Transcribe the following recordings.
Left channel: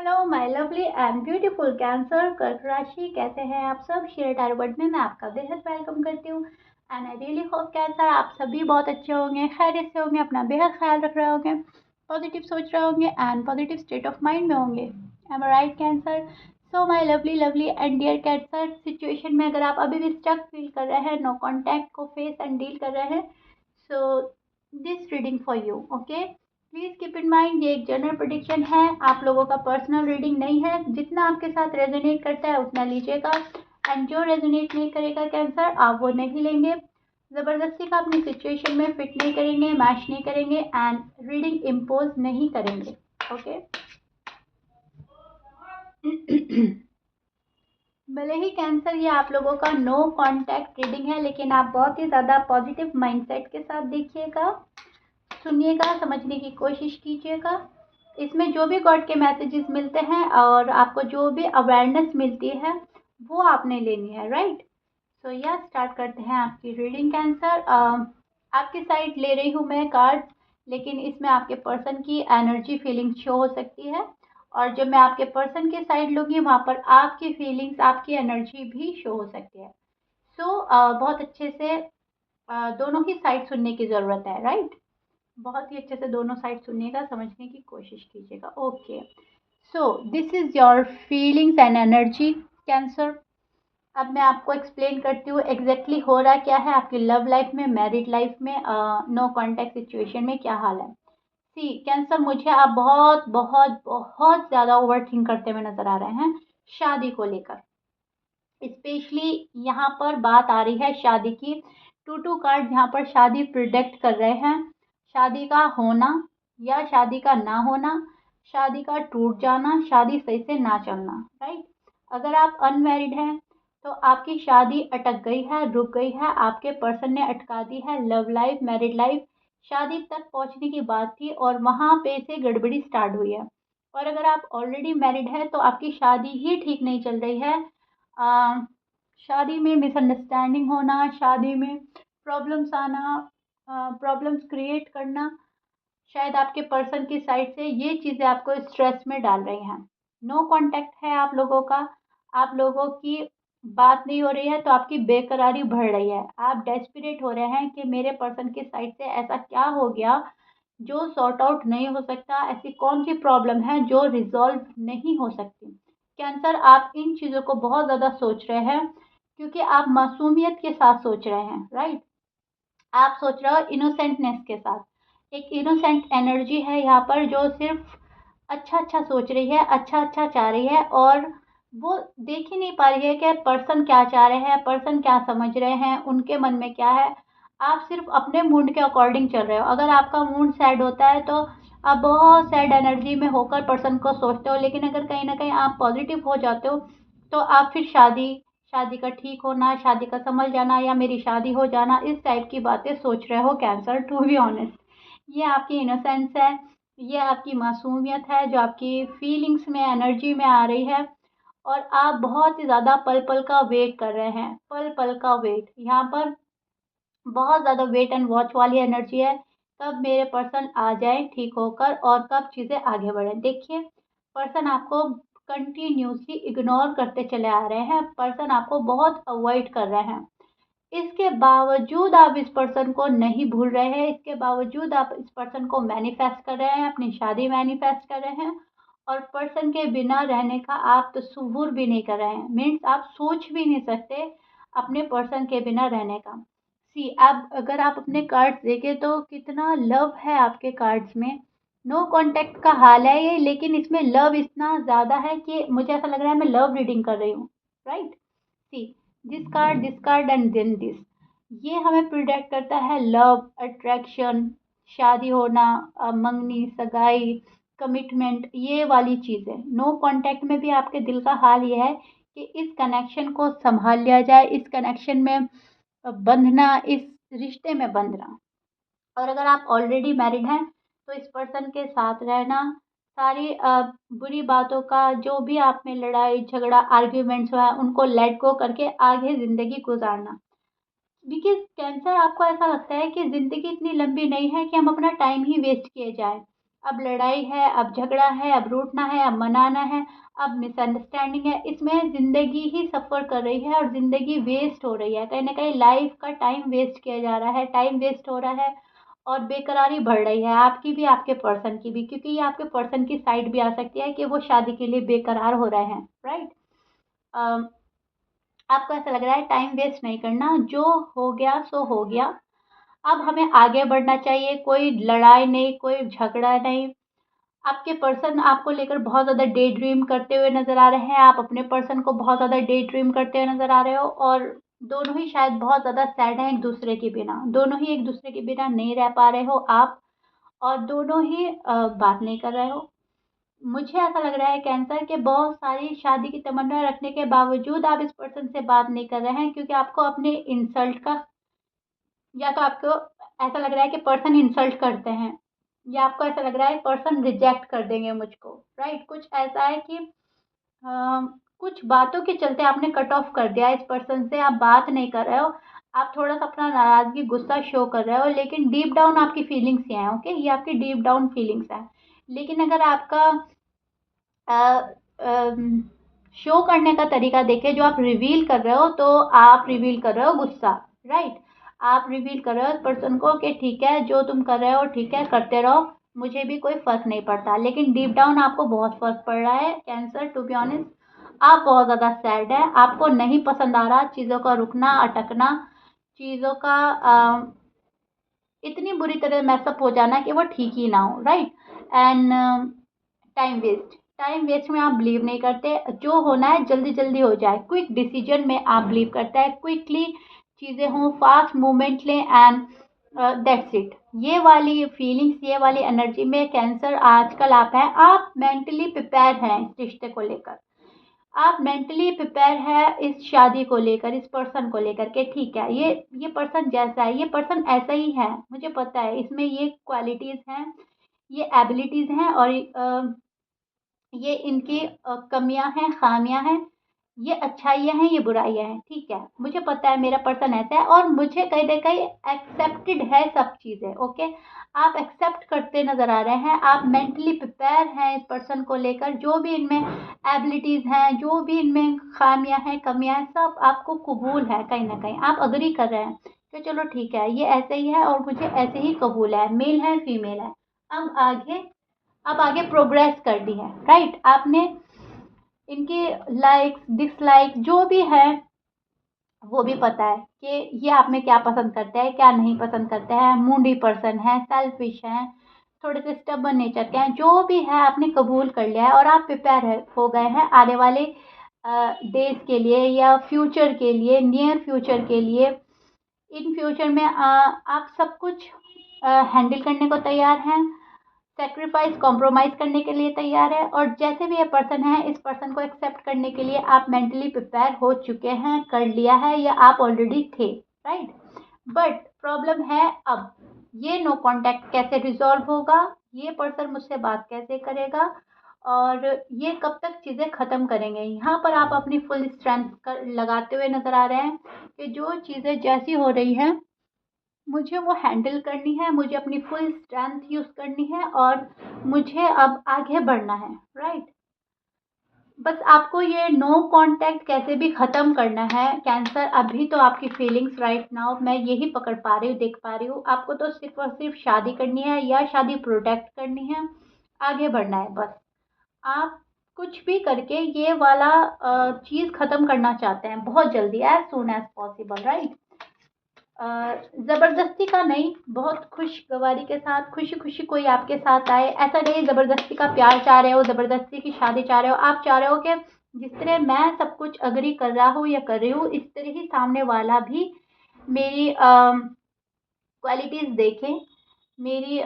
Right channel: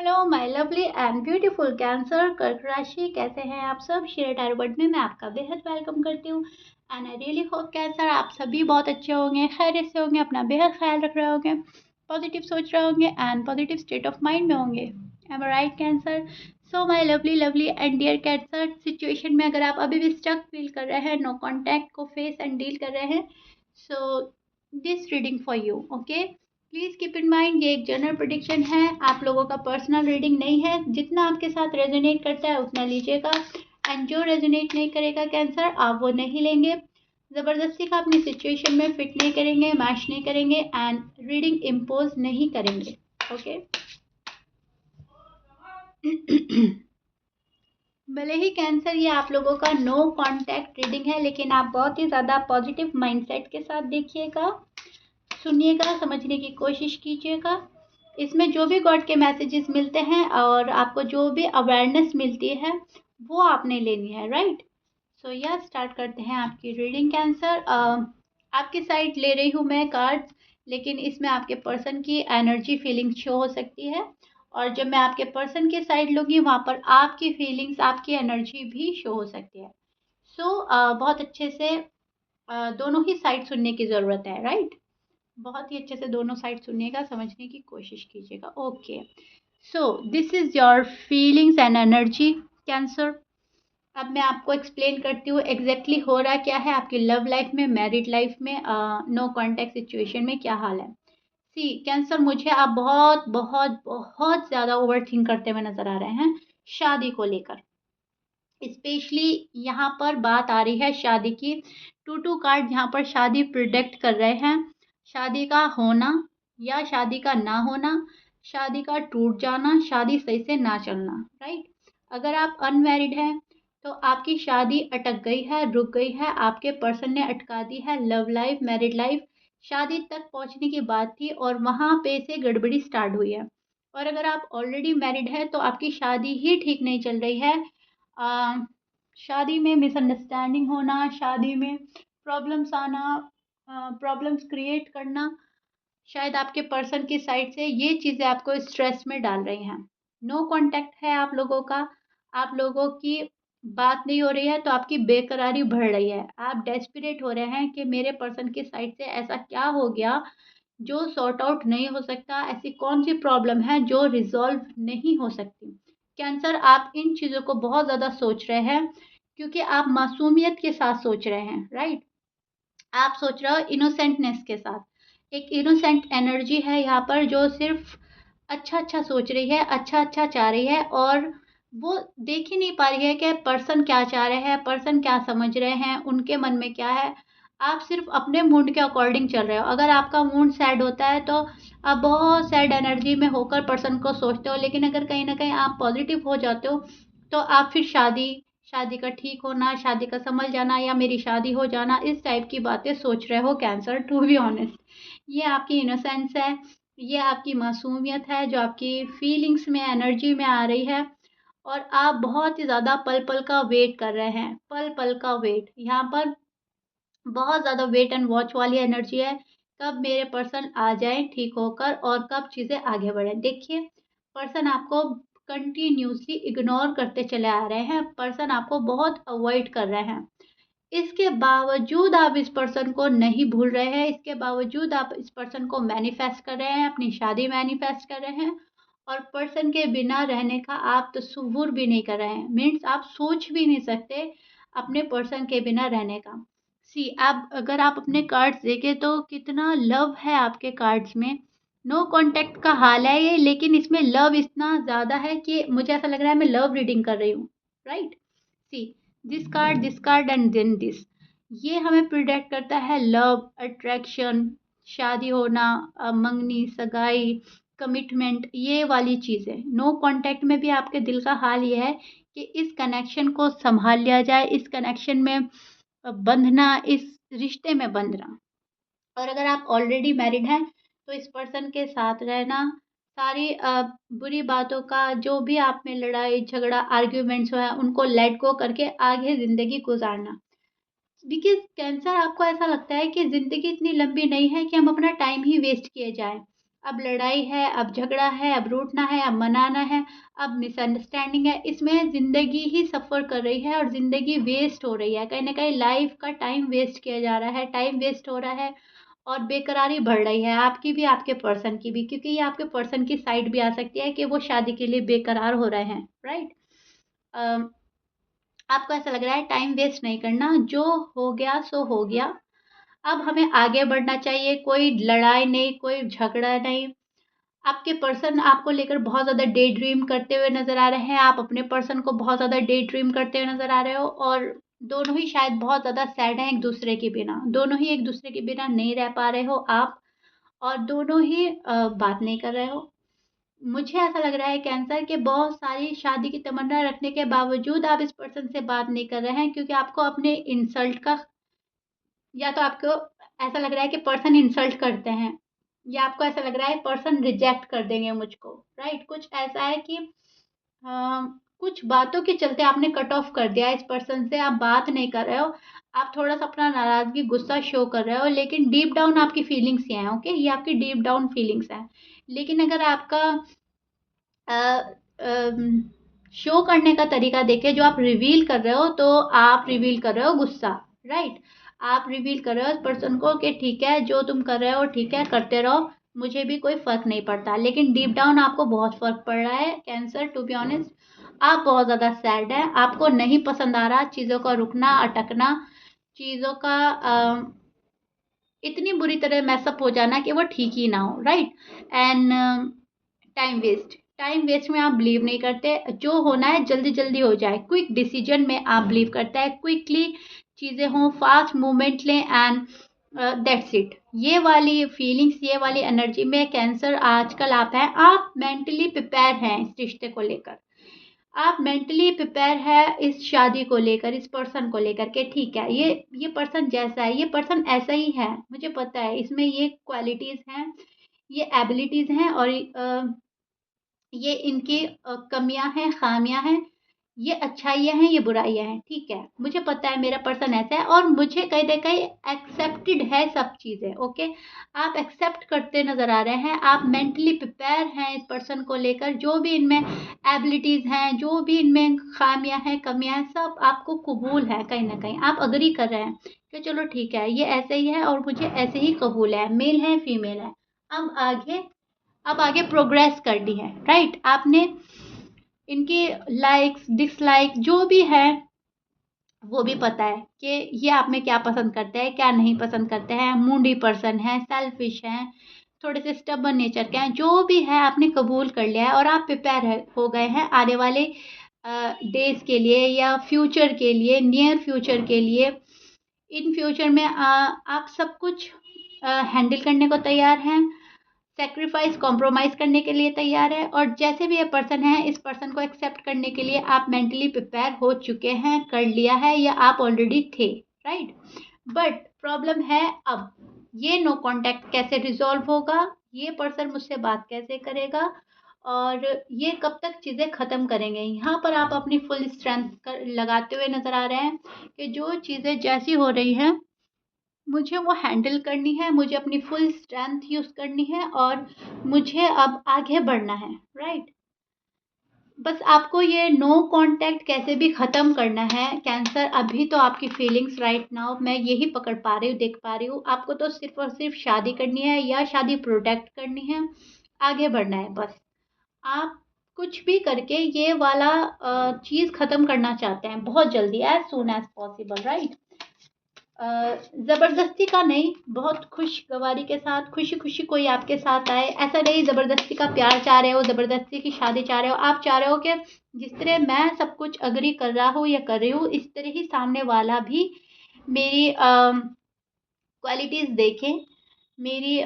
Hello my lovely and beautiful cancer कर्क राशि, कैसे हैं आप सब। शेयर टैरोट में मैं आपका बेहद वेलकम करती हूँ and I really hope cancer आप सभी बहुत अच्छे होंगे, खैरियत से होंगे, अपना बेहद ख्याल रख रहे होंगे, पॉजिटिव सोच रहे होंगे and positive state of mind में होंगे। Am I right Cancer. So my lovely lovely and dear Cancer, situation में अगर आप अभी भी स्टक फील कर रहे हैं, नो कॉन्टैक्ट को फेस एंड डील कर रहे हैं, so this reading for you. Okay, please keep in mind ये एक जनरल प्रेडिक्शन है, आप लोगों का पर्सनल रीडिंग नहीं है। जितना आपके साथ रेजोनेट करता है उतना लीजिएगा एंड जो रेजोनेट नहीं करेगा कैंसर, आप वो नहीं लेंगे। ज़बरदस्ती का अपनी सिचुएशन में फिट नहीं करेंगे, मैच नहीं करेंगे एंड रीडिंग इम्पोज नहीं करेंगे। ओके भले ही कैंसर ये आप लोगों का नो कॉन्टैक्ट रीडिंग है, लेकिन आप बहुत ही ज़्यादा पॉजिटिव माइंडसेट के साथ देखिएगा, सुनिएगा, समझने की कोशिश कीजिएगा। इसमें जो भी गॉड के मैसेजेस मिलते हैं और आपको जो भी अवेयरनेस मिलती है वो आपने लेनी है, राइट। सो या स्टार्ट करते हैं आपकी रीडिंग कैंसर। आपकी साइड ले रही हूँ मैं कार्ड्स, लेकिन इसमें आपके पर्सन की एनर्जी फीलिंग शो हो सकती है, और जब मैं आपके पर्सन की साइड लूँगी वहाँ पर आपकी फीलिंग्स, आपकी एनर्जी भी शो हो सकती है। सो बहुत अच्छे से दोनों ही साइड सुनने की ज़रूरत है, राइट। बहुत ही अच्छे से दोनों साइड सुनिएगा, समझने की कोशिश कीजिएगा। Okay, so this is your feelings and energy cancer. अब मैं आपको एक्सप्लेन करती हूँ एग्जैक्टली हो रहा क्या है आपकी लव लाइफ में, मैरिड लाइफ में, नो कॉन्टैक्ट सिचुएशन में क्या हाल है। सी कैंसर, मुझे आप बहुत बहुत बहुत ज़्यादा ओवर थिंक करते हुए नजर आ रहे हैं शादी को लेकर। स्पेशली यहाँ पर बात आ रही है शादी की। टू कार्ड यहाँ पर शादी प्रिडिक्ट कर रहे हैं, शादी का होना या शादी का ना होना, शादी का टूट जाना, शादी सही से ना चलना, राइट। अगर आप अनमैरिड हैं तो आपकी शादी अटक गई है, रुक गई है, आपके पर्सन ने अटका दी है लव लाइफ, मैरिड लाइफ। शादी तक पहुंचने की बात थी और वहां पे से गड़बड़ी स्टार्ट हुई है। और अगर आप ऑलरेडी मैरिड है तो आपकी शादी ही ठीक नहीं चल रही है। अ, शादी में मिसअंडरस्टैंडिंग होना, शादी में प्रॉब्लम्स आना, प्रॉब्लम्स क्रिएट करना, शायद आपके पर्सन की साइड से ये चीज़ें आपको स्ट्रेस में डाल रही हैं। नो कांटेक्ट है आप लोगों का, आप लोगों की बात नहीं हो रही है तो आपकी बेकरारी बढ़ रही है। आप डेस्परेट हो रहे हैं कि मेरे पर्सन की साइड से ऐसा क्या हो गया जो सॉर्ट आउट नहीं हो सकता, ऐसी कौन सी प्रॉब्लम है जो रिजॉल्व नहीं हो सकती। कैंसर, आप इन चीज़ों को बहुत ज़्यादा सोच रहे हैं क्योंकि आप मासूमियत के साथ सोच रहे हैं, राइट। आप सोच रहे हो इनोसेंटनेस के साथ। एक इनोसेंट एनर्जी है यहाँ पर जो सिर्फ अच्छा अच्छा सोच रही है, अच्छा अच्छा चाह रही है, और वो देख ही नहीं पा रही है कि पर्सन क्या चाह रहे हैं, पर्सन क्या समझ रहे हैं, उनके मन में क्या है। आप सिर्फ अपने मूड के अकॉर्डिंग चल रहे हो। अगर आपका मूड सैड होता है तो आप बहुत सैड एनर्जी में होकर पर्सन को सोचते हो, लेकिन अगर कहीं ना कहीं आप पॉजिटिव हो जाते हो तो आप फिर शादी, शादी का ठीक होना, शादी का संभल जाना या मेरी शादी हो जाना, इस टाइप की बातें सोच रहे हो कैंसर, टू बी ऑनेस्ट। ये आपकी इनोसेंस है, ये आपकी मासूमियत है जो आपकी फीलिंग्स में, एनर्जी में आ रही है। और आप बहुत ही ज़्यादा पल पल का वेट कर रहे हैं, पल पल का वेट। यहाँ पर बहुत ज़्यादा वेट एंड वॉच वाली एनर्जी है। कब मेरे पर्सन आ जाए ठीक होकर और कब चीज़ें आगे बढ़ें। देखिए, पर्सन आपको कंटिन्यूसली इग्नोर करते चले आ रहे हैं, पर्सन आपको बहुत अवॉइड कर रहे हैं। इसके बावजूद आप इस पर्सन को नहीं भूल रहे हैं, इसके बावजूद आप इस पर्सन को मैनिफेस्ट कर रहे हैं, अपनी शादी मैनिफेस्ट कर रहे हैं, और पर्सन के बिना रहने का आप तसव्वुर भी नहीं कर रहे हैं। मीन्स आप सोच भी नहीं सकते अपने पर्सन के बिना रहने का। सी, आप अगर आप अपने कार्ड्स देखें तो कितना लव है आपके कार्ड्स में। नो कांटेक्ट का हाल है ये, लेकिन इसमें लव इतना ज़्यादा है कि मुझे ऐसा लग रहा है मैं लव रीडिंग कर रही हूँ, right. See, this card and then this, ये हमें प्रिडिक्ट करता है लव, अट्रैक्शन, शादी होना, मंगनी, सगाई, कमिटमेंट, ये वाली चीज़ें। नो कांटेक्ट में भी आपके दिल का हाल ये है कि इस कनेक्शन को संभाल लिया जाए, इस कनेक्शन में बंधना, इस रिश्ते में बंधना। और अगर आप ऑलरेडी मैरिड हैं तो इस पर्सन के साथ रहना, सारी बुरी बातों का, जो भी आप में लड़ाई झगड़ा आर्ग्यूमेंट्स हुआ है, उनको लेट गो करके आगे ज़िंदगी गुजारना। बिकॉज़ कैंसर, आपको ऐसा लगता है कि ज़िंदगी इतनी लंबी नहीं है कि हम अपना टाइम ही वेस्ट किए जाएँ। अब लड़ाई है, अब झगड़ा है, अब रूठना है, अब मनाना है, अब मिसअंडरस्टैंडिंग है। इसमें ज़िंदगी ही सफ़र कर रही है और ज़िंदगी वेस्ट हो रही है। कहीं न कहीं लाइफ़ का टाइम वेस्ट किया जा रहा है, टाइम वेस्ट हो रहा है और बेकरारी बढ़ रही है, आपकी भी, आपके पर्सन की भी। क्योंकि ये आपके पर्सन की साइड भी आ सकती है कि वो शादी के लिए बेकरार हो रहे हैं, राइट? अ, आपको ऐसा लग रहा है टाइम वेस्ट नहीं करना, जो हो गया सो हो गया। अब हमें आगे बढ़ना चाहिए, कोई लड़ाई नहीं, कोई झगड़ा नहीं। आपके पर्सन आपको लेकर बहुत ज़्यादा डे ड्रीम करते हुए नज़र आ रहे हैं, आप अपने पर्सन को बहुत ज़्यादा डे ड्रीम करते हुए नज़र आ रहे हो और दोनों ही शायद बहुत ज़्यादा सैड हैं एक-दूसरे के बिना। दोनों ही एक-दूसरे के बिना नहीं रह पा रहे हो आप और दोनों ही बात नहीं कर रहे हो। मुझे ऐसा लग रहा है कैंसर के बहुत सारी शादी की तमन्ना रखने के बावजूद आप इस पर्सन से बात नहीं कर रहे हैं क्योंकि आपको अपने इंसल्ट का, या तो आपको ऐसा लग रहा है कि पर्सन इंसल्ट करते हैं या आपको ऐसा लग रहा है पर्सन रिजेक्ट कर देंगे मुझको, राइट? कुछ ऐसा है कि कुछ बातों के चलते आपने कट ऑफ कर दिया इस पर्सन से, आप बात नहीं कर रहे हो, आप थोड़ा सा अपना नाराज़गी गुस्सा शो कर रहे हो लेकिन डीप डाउन आपकी फीलिंग्स ही हैं, ओके? ये आपकी डीप डाउन फीलिंग्स हैं। लेकिन अगर आपका शो करने का तरीका देखें, जो आप रिवील कर रहे हो तो आप रिवील कर रहे हो गुस्सा, राइट? आप रिवील कर रहे हो इस पर्सन को कि ठीक है, जो तुम कर रहे हो ठीक है, करते रहो, मुझे भी कोई फ़र्क नहीं पड़ता। लेकिन डीप डाउन आपको बहुत फ़र्क पड़ रहा है कैंसर, टू बी ऑनेस्ट। आप बहुत ज़्यादा सैड हैं, आपको नहीं पसंद आ रहा चीज़ों का रुकना, अटकना, चीज़ों का इतनी बुरी तरह मैसअप हो जाना कि वो ठीक ही ना हो, राइट? एंड टाइम वेस्ट में आप बिलीव नहीं करते, जो होना है जल्दी जल्दी हो जाए, क्विक डिसीजन में आप बिलीव करते हैं, क्विकली चीज़ें हों, फास्ट मूवमेंट लें एंड दैट्स इट। ये वाली फीलिंग्स, ये वाली एनर्जी में कैंसर आजकल आप हैं, आप मेंटली प्रिपेयर हैं इस रिश्ते को लेकर, आप मेंटली प्रिपेयर है इस शादी को लेकर, इस पर्सन को लेकर के ठीक है, ये पर्सन जैसा है, ये पर्सन ऐसा ही है, मुझे पता है इसमें ये क्वालिटीज़ हैं, ये एबिलिटीज़ हैं और ये इनकी कमियां हैं, खामियां हैं, ये अच्छाइयाँ हैं, ये बुराइयाँ हैं, ठीक है? मुझे पता है मेरा पर्सन ऐसा है और मुझे कहीं न कहीं एक्सेप्टेड है सब चीज़ें, ओके? आप एक्सेप्ट करते नज़र आ रहे हैं, आप मेंटली प्रिपेयर हैं इस पर्सन को लेकर, जो भी इनमें एबिलिटीज़ हैं, जो भी इनमें खामियाँ हैं, कमियाँ हैं, सब आपको कबूल है कहीं न कहीं। आप एग्री कर रहे हैं कि चलो ठीक है, ये ऐसे ही है और मुझे ऐसे ही कबूल है, मेल है, फीमेल है। अब आगे अब आगे प्रोग्रेस करनी है, राइट? आपने इनके लाइक्स, डिसलाइक जो भी है, वो भी पता है कि ये आप में क्या पसंद करते हैं, क्या नहीं पसंद करते हैं, मूडी पर्सन है, सेल्फिश हैं, थोड़े से स्टबर्न नेचर के हैं, जो भी है आपने कबूल कर लिया है और आप प्रिपेयर हो गए हैं आने वाले डेज़ के लिए या फ्यूचर के लिए, नियर फ्यूचर के लिए। इन फ्यूचर में आप सब कुछ हैंडल करने को तैयार हैं, सैक्रिफाइस कॉम्प्रोमाइज़ करने के लिए तैयार है और जैसे भी ये पर्सन है, इस पर्सन को एक्सेप्ट करने के लिए आप मेंटली प्रिपेयर हो चुके हैं, कर लिया है या आप ऑलरेडी थे, राइट? बट प्रॉब्लम है अब, ये नो कॉन्टैक्ट कैसे रिज़ॉल्व होगा, ये पर्सन मुझसे बात कैसे करेगा और ये कब तक चीज़ें ख़त्म करेंगे। यहाँ पर आप अपनी फुल स्ट्रेंथ लगाते हुए नज़र आ रहे हैं कि जो चीज़ें जैसी हो रही हैं मुझे वो हैंडल करनी है, मुझे अपनी फुल स्ट्रेंथ यूज़ करनी है और मुझे अब आगे बढ़ना है, राइट? बस आपको ये नो कॉन्टैक्ट कैसे भी ख़त्म करना है कैंसर। अभी तो आपकी फीलिंग्स राइट नाउ मैं यही पकड़ पा रही हूँ, देख पा रही हूँ। आपको तो सिर्फ़ और सिर्फ़ शादी करनी है या शादी प्रोटेक्ट करनी है, आगे बढ़ना है बस। आप कुछ भी करके ये वाला चीज़ ख़त्म करना चाहते हैं बहुत जल्दी, as soon as possible, right? ज़बरदस्ती का नहीं, बहुत खुशगवारी के साथ, खुशी-खुशी कोई आपके साथ आए। ऐसा नहीं ज़बरदस्ती का प्यार चाह रहे हो, ज़बरदस्ती की शादी चाह रहे हो। आप चाह रहे हो कि जिस तरह मैं सब कुछ एग्री कर रहा हूँ या कर रही हूँ, इस तरह ही सामने वाला भी मेरी क्वालिटीज़ देखें, मेरी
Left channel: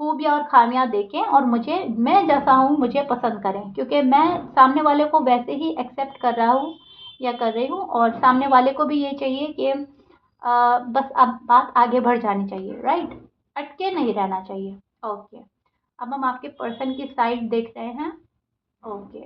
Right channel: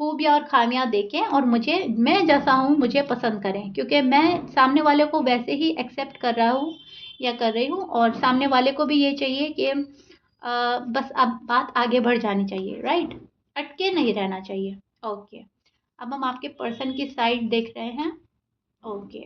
खूबियाँ और ख़ामियाँ देखें और मुझे, मैं जैसा हूँ मुझे पसंद करें। क्योंकि मैं सामने वाले को वैसे ही एक्सेप्ट कर रहा हूँ या कर रही हूँ और सामने वाले को भी ये चाहिए कि बस अब बात आगे बढ़ जानी चाहिए, राइट? अटके नहीं रहना चाहिए। ओके, अब हम आपके पर्सन की साइड देख रहे हैं। Okay,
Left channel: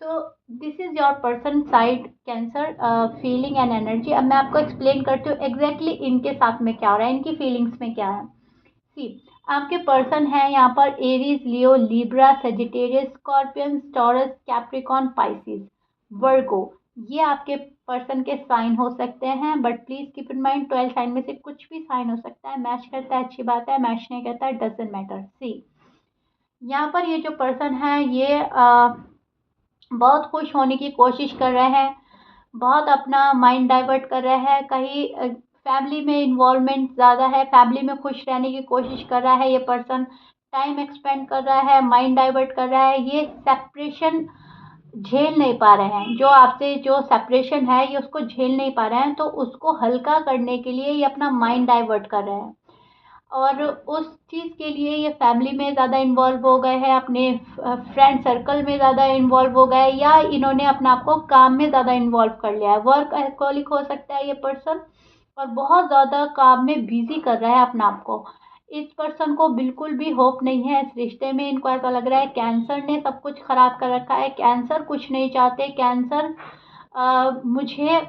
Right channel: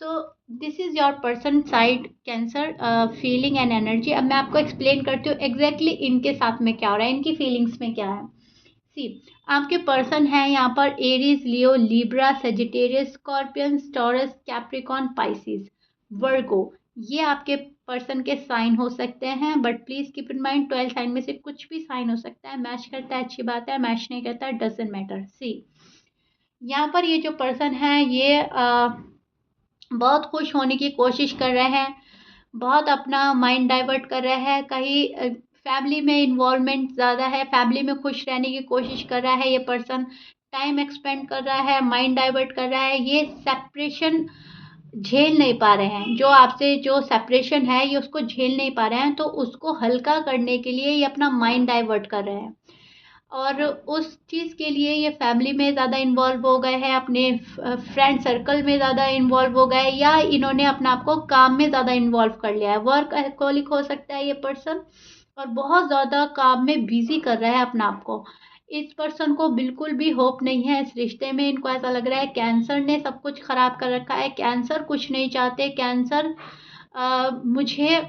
so this is your person side cancer, feeling and energy. अब मैं आपको एक्सप्लेन करती हूँ एग्जैक्टली इनके साथ में क्या हो रहा है, इनकी फीलिंग्स में क्या है। सी, आपके पर्सन है यहाँ पर Aries, Leo, Libra, Sagittarius, Scorpion, Taurus, Capricorn, Pisces, Virgo. ये आपके पर्सन के साइन हो सकते हैं, but please keep in mind 12 sign में से कुछ भी साइन हो सकता है। मैच करता है अच्छी बात है, मैच नहीं करता है डजंट मैटर। सी यहाँ पर ये जो पर्सन है ये बहुत खुश होने की कोशिश कर रहे हैं, बहुत अपना माइंड डाइवर्ट कर रहे हैं, कहीं फैमिली में इन्वॉल्वमेंट ज़्यादा है, फैमिली में खुश रहने की कोशिश कर रहा है ये पर्सन, टाइम एक्सपेंड कर रहा है, माइंड डाइवर्ट कर रहा है। ये सेपरेशन झेल नहीं पा रहे हैं, जो आपसे जो सेपरेशन है ये उसको झेल नहीं पा रहे हैं, तो उसको हल्का करने के लिए ये अपना माइंड डाइवर्ट कर रहे हैं। और उस चीज़ के लिए ये फैमिली में ज़्यादा इन्वॉल्व हो गए हैं, अपने फ्रेंड सर्कल में ज़्यादा इन्वॉल्व हो गए, या इन्होंने अपने आप को काम में ज़्यादा इन्वॉल्व कर लिया है। वर्क एल्कोहलिक हो सकता है ये पर्सन, और बहुत ज़्यादा काम में बिजी कर रहा है अपने आप को। इस पर्सन को बिल्कुल भी होप नहीं है इस रिश्ते में। इनको ऐसा लग रहा है कैंसर ने सब कुछ खराब कर रखा है, कैंसर कुछ नहीं चाहते, कैंसर मुझे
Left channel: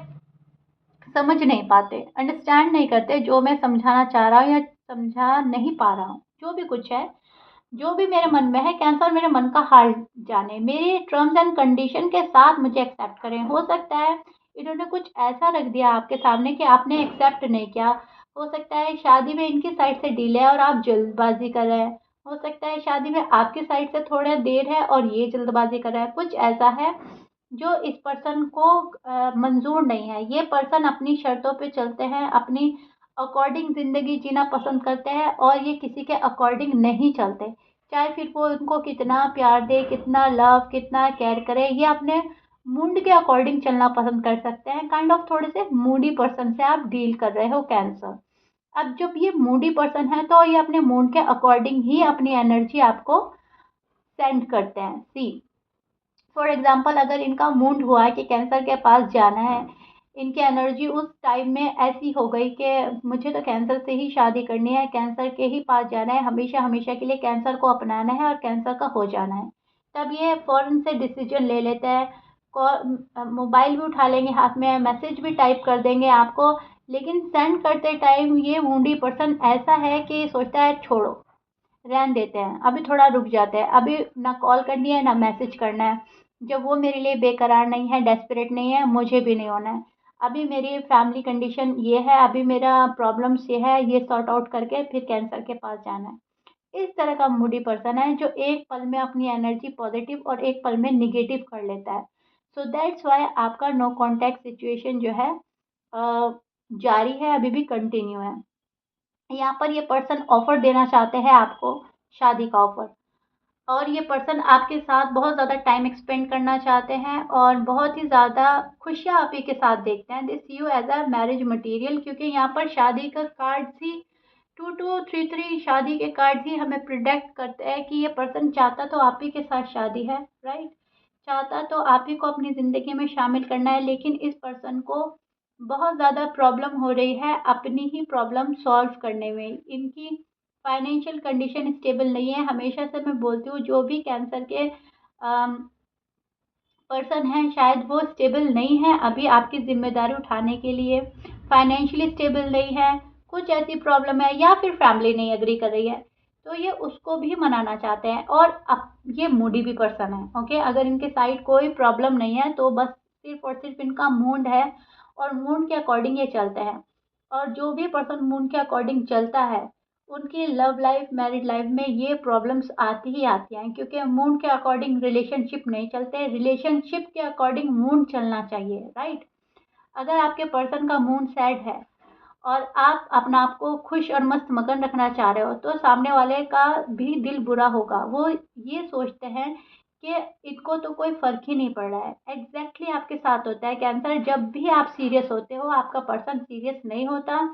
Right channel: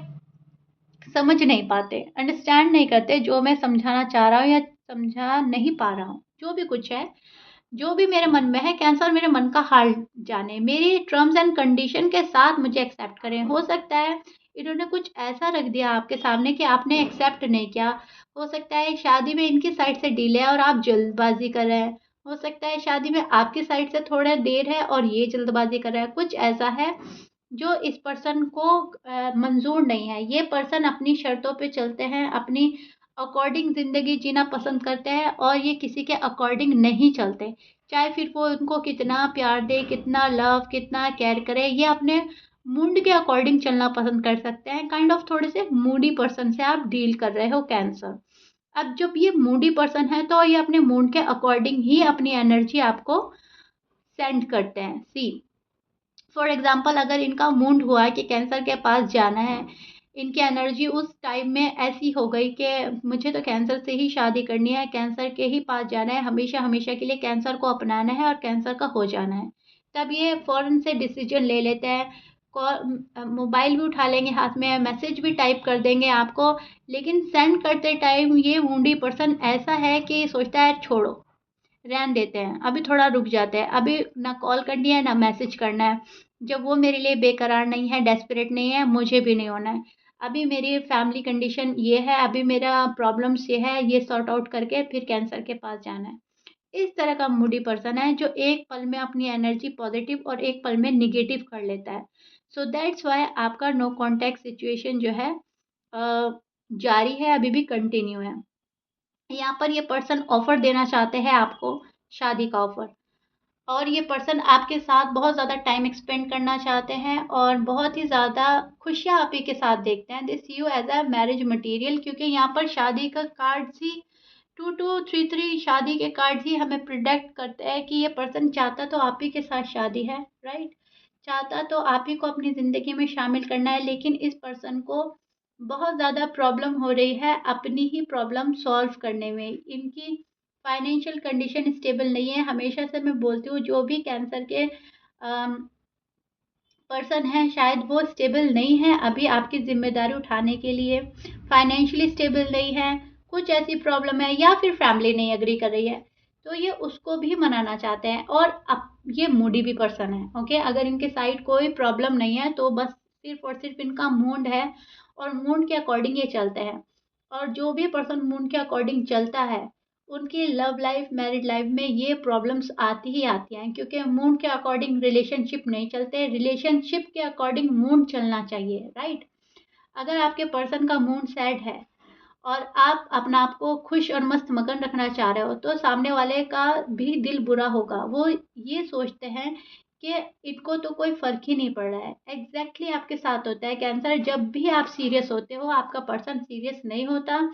समझ नहीं पाते, अंडरस्टैंड नहीं करते जो मैं समझाना चाह रहा हूँ या समझा नहीं पा रहा हूँ। जो भी कुछ है, जो भी मेरे मन में है, कैंसर मेरे मन का हाल जाने, मेरे टर्म्स एंड कंडीशन के साथ मुझे एक्सेप्ट करें। हो सकता है इन्होंने कुछ ऐसा रख दिया आपके सामने कि आपने एक्सेप्ट नहीं किया। हो सकता है शादी में इनकी साइड से डिले है और आप जल्दबाजी कर रहे हैं। हो सकता है शादी में आपकी साइड से थोड़ा देर है और ये जल्दबाजी कर रहा है। कुछ ऐसा है जो इस पर्सन को मंजूर नहीं है। ये पर्सन अपनी शर्तों पे चलते हैं, अपनी अकॉर्डिंग ज़िंदगी जीना पसंद करते हैं, और ये किसी के अकॉर्डिंग नहीं चलते। चाहे फिर वो उनको कितना प्यार दे, कितना लव, कितना केयर करे, ये अपने मूड के अकॉर्डिंग चलना पसंद कर सकते हैं। काइंड ऑफ थोड़े से मूडी पर्सन से आप डील कर रहे हो कैंसर। अब जब ये मूडी पर्सन है तो ये अपने मूड के अकॉर्डिंग ही अपनी एनर्जी आपको सेंड करते हैं। सी फॉर एग्जाम्पल, अगर इनका मूड हुआ है कि कैंसर के पास जाना है, इनकी एनर्जी उस टाइम में ऐसी हो गई कि मुझे तो कैंसर से ही शादी करनी है, कैंसर के ही पास जाना है, हमेशा हमेशा के लिए कैंसर को अपनाना है और कैंसर का हो जाना है, तब ये फ़ौरन से डिसीजन ले लेते हैं। कॉल मोबाइल भी उठा लेंगे हाथ में, मैसेज भी टाइप कर देंगे आपको, लेकिन सेंड करते टाइम ये मूडी पर्सन ऐसा है कि सोचता है छोड़ो, रहन देते हैं, अभी थोड़ा रुक जाते हैं, अभी ना कॉल करनी है ना मैसेज करना है। जब वो मेरे लिए बेकरार नहीं है, डेस्परेट नहीं है, मुझे भी नहीं होना है। अभी मेरी फैमिली कंडीशन ये है, अभी मेरा प्रॉब्लम्स ये है, ये सॉर्ट आउट करके फिर कैंसर के पास जाना है। इस तरह का मूडी पर्सन है जो एक पल में अपनी एनर्जी पॉजिटिव और एक पल में निगेटिव कर लेता है। सो दैट्स वाई आपका नो कॉन्टैक्ट सिचुएशन जो है जारी है, अभी भी कंटिन्यू है। यहाँ पर ये पर्सन ऑफर देना चाहते हैं आपको, शादी का ऑफर, और ये पर्सन आपके साथ बहुत ज़्यादा टाइम स्पेंड करना चाहते हैं और बहुत ही ज़्यादा खुशियाँ आप ही के साथ देखते हैं। This you as a marriage material, क्योंकि यहाँ पर शादी का कार्ड्स ही 2233 शादी के कार्ड्स ही हमें प्रिडिक्ट करते हैं कि ये पर्सन चाहता तो आप ही के साथ शादी है, राइट, चाहता तो आप ही को अपनी ज़िंदगी में शामिल करना है, लेकिन इस पर्सन को बहुत ज़्यादा प्रॉब्लम हो रही है अपनी ही प्रॉब्लम सॉल्व करने में। इनकी फाइनेंशियल कंडीशन स्टेबल नहीं है। हमेशा से मैं बोलती हूँ जो भी कैंसर के पर्सन है शायद वो स्टेबल नहीं है अभी आपकी ज़िम्मेदारी उठाने के लिए, फाइनेंशियली स्टेबल नहीं है, कुछ ऐसी प्रॉब्लम है, या फिर फैमिली नहीं एग्री कर रही है, तो ये उसको भी मनाना चाहते हैं। और अब ये मूडी भी पर्सन है, ओके, अगर इनके साइड कोई प्रॉब्लम नहीं है तो बस सिर्फ और सिर्फ इनका मूड है और मूड के अकॉर्डिंग ये चलते हैं। और जो भी पर्सन मूड के अकॉर्डिंग चलता है उनकी लव लाइफ, मैरिड लाइफ में ये प्रॉब्लम्स आती ही आती हैं, क्योंकि मूड के अकॉर्डिंग रिलेशनशिप नहीं चलते, रिलेशनशिप के अकॉर्डिंग मूड चलना चाहिए, राइट। अगर आपके पर्सन का मूड सैड है और आप अपना आप को खुश और मस्त मगन रखना चाह रहे हो, तो सामने वाले का भी दिल बुरा होगा। वो ये सोचते हैं कि इनको तो कोई फर्क ही नहीं पड़ रहा है। एग्जैक्टली आपके साथ होता है कैंसर, जब भी आप सीरियस होते हो आपका पर्सन सीरियस नहीं होता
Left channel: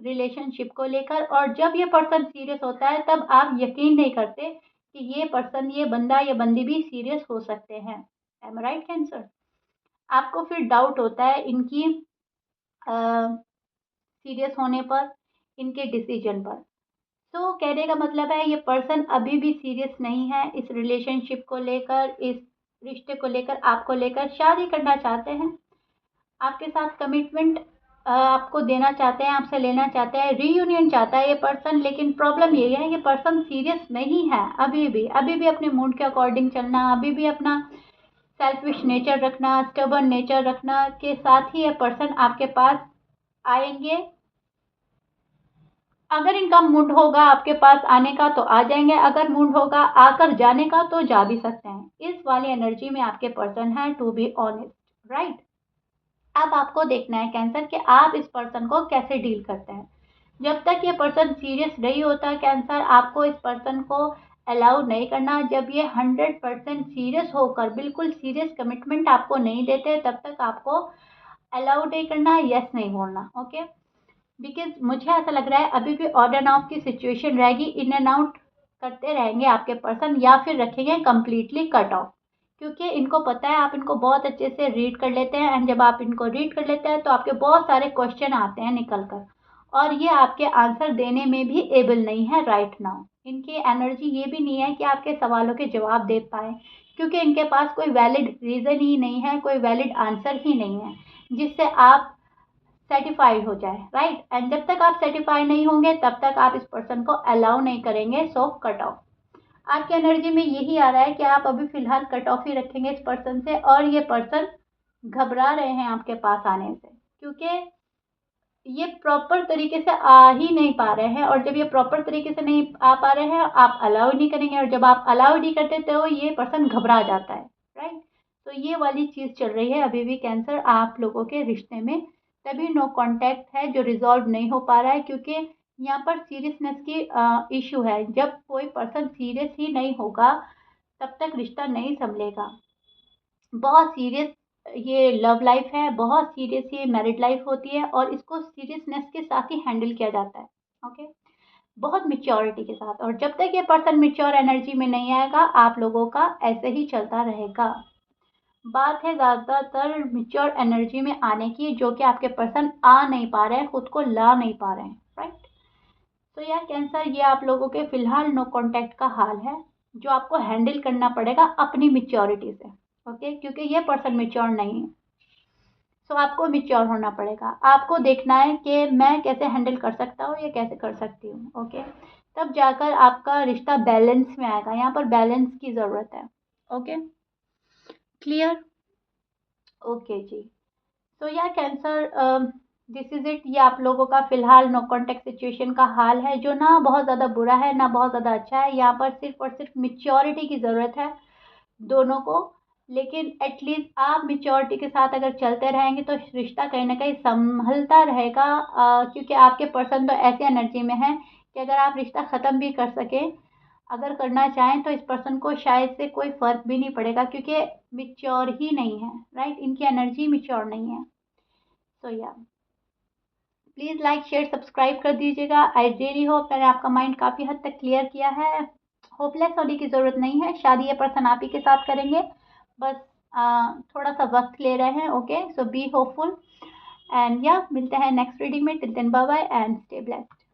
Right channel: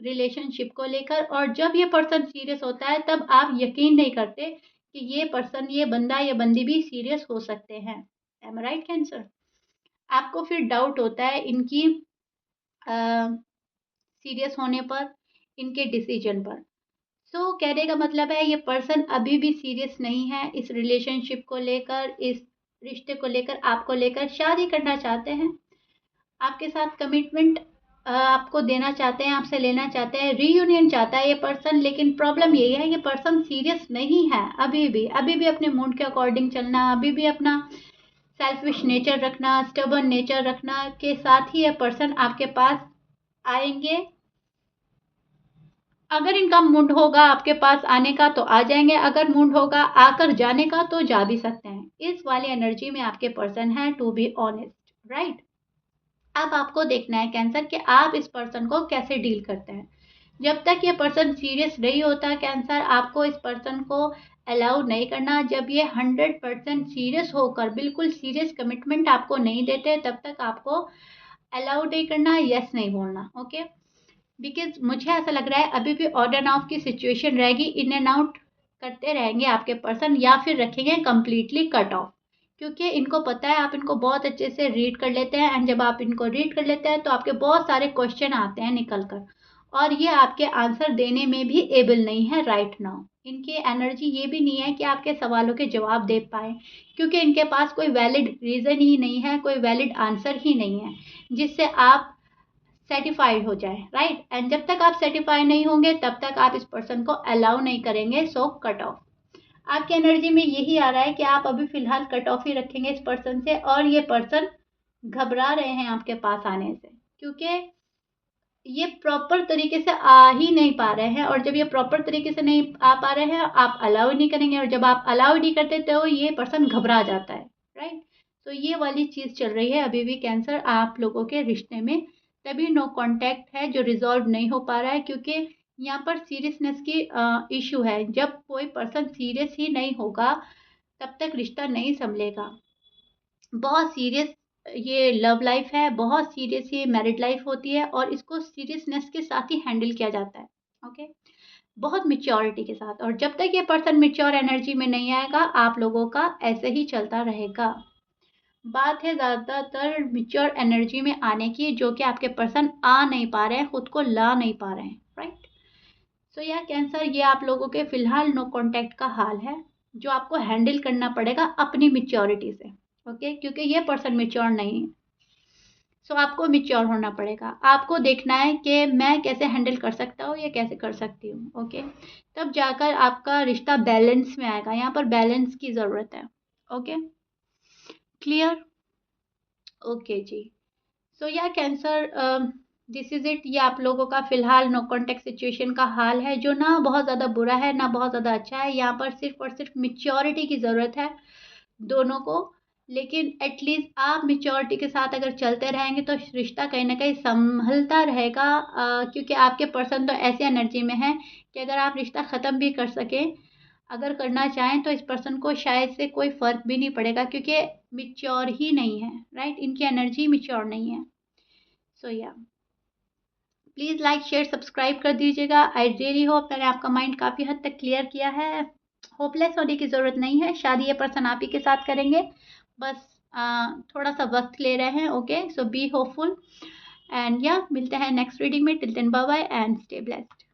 रिलेशनशिप को लेकर, और जब ये पर्सन सीरियस होता है तब आप यकीन नहीं करते कि ये पर्सन, ये बंदा या बंदी भी सीरियस हो सकते हैं। M I right cancer? आपको फिर डाउट होता है इनकी सीरियस होने पर, इनके डिसीजन पर। सो कहने का मतलब है ये पर्सन अभी भी सीरियस नहीं है इस रिलेशनशिप को लेकर, इस रिश्ते को लेकर, आपको लेकर शादी करना चाहते हैं, आपके साथ कमिटमेंट आपको देना चाहते हैं, आपसे लेना चाहते हैं, रीयूनियन चाहता है ये पर्सन। लेकिन प्रॉब्लम यही है, ये पर्सन सीरियस नहीं है अभी भी अपने मूड के अकॉर्डिंग चलना, अभी भी अपना सेल्फिश नेचर रखना, स्टबर्न नेचर रखना के साथ ही ये पर्सन आपके पास आएंगे। अगर इनका मूड होगा आपके पास आने का तो आ जाएंगे, अगर मूड होगा आकर जाने का तो जा भी सकते हैं। इस वाली एनर्जी में आपके पर्सन है, टू बी ऑनेस्ट, राइट। अब आपको देखना है कैंसर कि आप इस पर्सन को कैसे डील करते हैं। जब तक ये पर्सन सीरियस नहीं होता कैंसर, आपको इस पर्सन को अलाउ नहीं करना। जब ये 100% सीरियस होकर बिल्कुल सीरियस कमिटमेंट आपको नहीं देते, तब तक आपको अलाउ नहीं करना, यस नहीं बोलना, ओके। बिकॉज मुझे ऐसा लग रहा है अभी भी ऑन एंड ऑफ की सिचुएशन रहेगी, इन एंड आउट करते रहेंगे आपके पर्सन, या फिर रखेंगे कम्प्लीटली कट ऑफ। क्योंकि इनको पता है आप इनको बहुत अच्छे से रीड कर लेते हैं, एंड जब आप इनको रीड कर लेते हैं तो आपके बहुत सारे क्वेश्चन आते हैं निकल कर, और ये आपके आंसर देने में भी एबल नहीं है राइट नाउ। इनकी एनर्जी ये भी नहीं है कि आपके सवालों के जवाब दे पाए, क्योंकि इनके पास कोई वैलिड रीज़न ही नहीं है, कोई वैलिड आंसर ही नहीं है जिससे आप सेटिफाइड हो जाए, राइट। एंड जब तक आप सेटिफाई नहीं होंगे तब तक आप इस पर्सन को अलाउ नहीं करेंगे, सो कट ऑफ। आपकी एनर्जी में यही आ रहा है कि आप अभी फिलहाल कट ऑफ ही रखेंगे इस पर्सन से, और ये पर्सन घबरा रहे हैं आपके पास आने से, क्योंकि ये प्रॉपर तरीके से आ ही नहीं पा रहे हैं, और जब ये प्रॉपर तरीके से नहीं आ पा रहे हैं आप अलाउ नहीं करेंगे, और जब आप अलाउ नहीं करते तो ये पर्सन घबरा जाता है, राइट। तो ये वाली चीज़ चल रही है अभी भी कैंसर आप लोगों के रिश्ते में, तभी नो कांटेक्ट है जो रिजॉल्व नहीं हो पा रहा है, क्योंकि यहाँ पर सीरियसनेस की इशू है। जब कोई पर्सन सीरियस ही नहीं होगा तब तक रिश्ता नहीं संभलेगा। बहुत सीरियस ये लव लाइफ है, बहुत सीरियस ये मैरिड लाइफ होती है, और इसको सीरियसनेस के साथ ही हैंडल किया जाता है, ओके, बहुत मिच्योरिटी के साथ। और जब तक ये पर्सन मिच्योर एनर्जी में नहीं आएगा आप लोगों का ऐसे ही चलता रहेगा। बात है ज़्यादातर मिच्योर एनर्जी में आने की, जो कि आपके पर्सन आ नहीं पा रहे हैं, खुद को ला नहीं पा रहे हैं, राइट। सो या कैंसर, ये आप लोगों के फिलहाल नो कांटेक्ट का हाल है, जो आपको हैंडल करना पड़ेगा अपनी मिच्योरिटी से, ओके, क्योंकि ये पर्सन मिच्योर नहीं है। सो आपको मिच्योर होना पड़ेगा, आपको देखना है कि मैं कैसे हैंडल कर सकता हूँ या कैसे कर सकती हूँ, ओके। तब जाकर आपका रिश्ता बैलेंस में आएगा, यहाँ पर बैलेंस की ज़रूरत है, ओके, क्लियर, ओके जी। सो या कैंसर, दिस इज़ इट। ये आप लोगों का फिलहाल नो कॉन्टेक्ट सिचुएशन का हाल है, जो ना बहुत ज़्यादा बुरा है ना बहुत ज़्यादा अच्छा है। यहाँ पर सिर्फ और सिर्फ मिच्योरिटी की ज़रूरत है दोनों को। लेकिन एटलीस्ट आप मिच्योरिटी के साथ अगर चलते रहेंगे तो रिश्ता कहीं ना कहीं संभलता रहेगा, क्योंकि आपके पर्सन तो ऐसी एनर्जी में है कि अगर आप रिश्ता ख़त्म भी कर सकें, अगर करना चाहें तो इस पर्सन को शायद से कोई फ़र्क भी नहीं पड़ेगा, क्योंकि मिच्योर ही नहीं है, राइट। इनकी एनर्जी मिच्योर नहीं है। सो या प्लीज़ लाइक शेयर सब्सक्राइब कर दीजिएगा। आई रियली होप मैंने आपका माइंड काफ़ी हद तक क्लियर किया है। होपलेस होने की ज़रूरत नहीं है, शादी ये पर्सन आप ही के साथ करेंगे, बस थोड़ा सा वक्त ले रहे हैं, okay. So be hopeful, and या मिलते हैं नेक्स्ट रीडिंग में। Till then bye bye and stay blessed.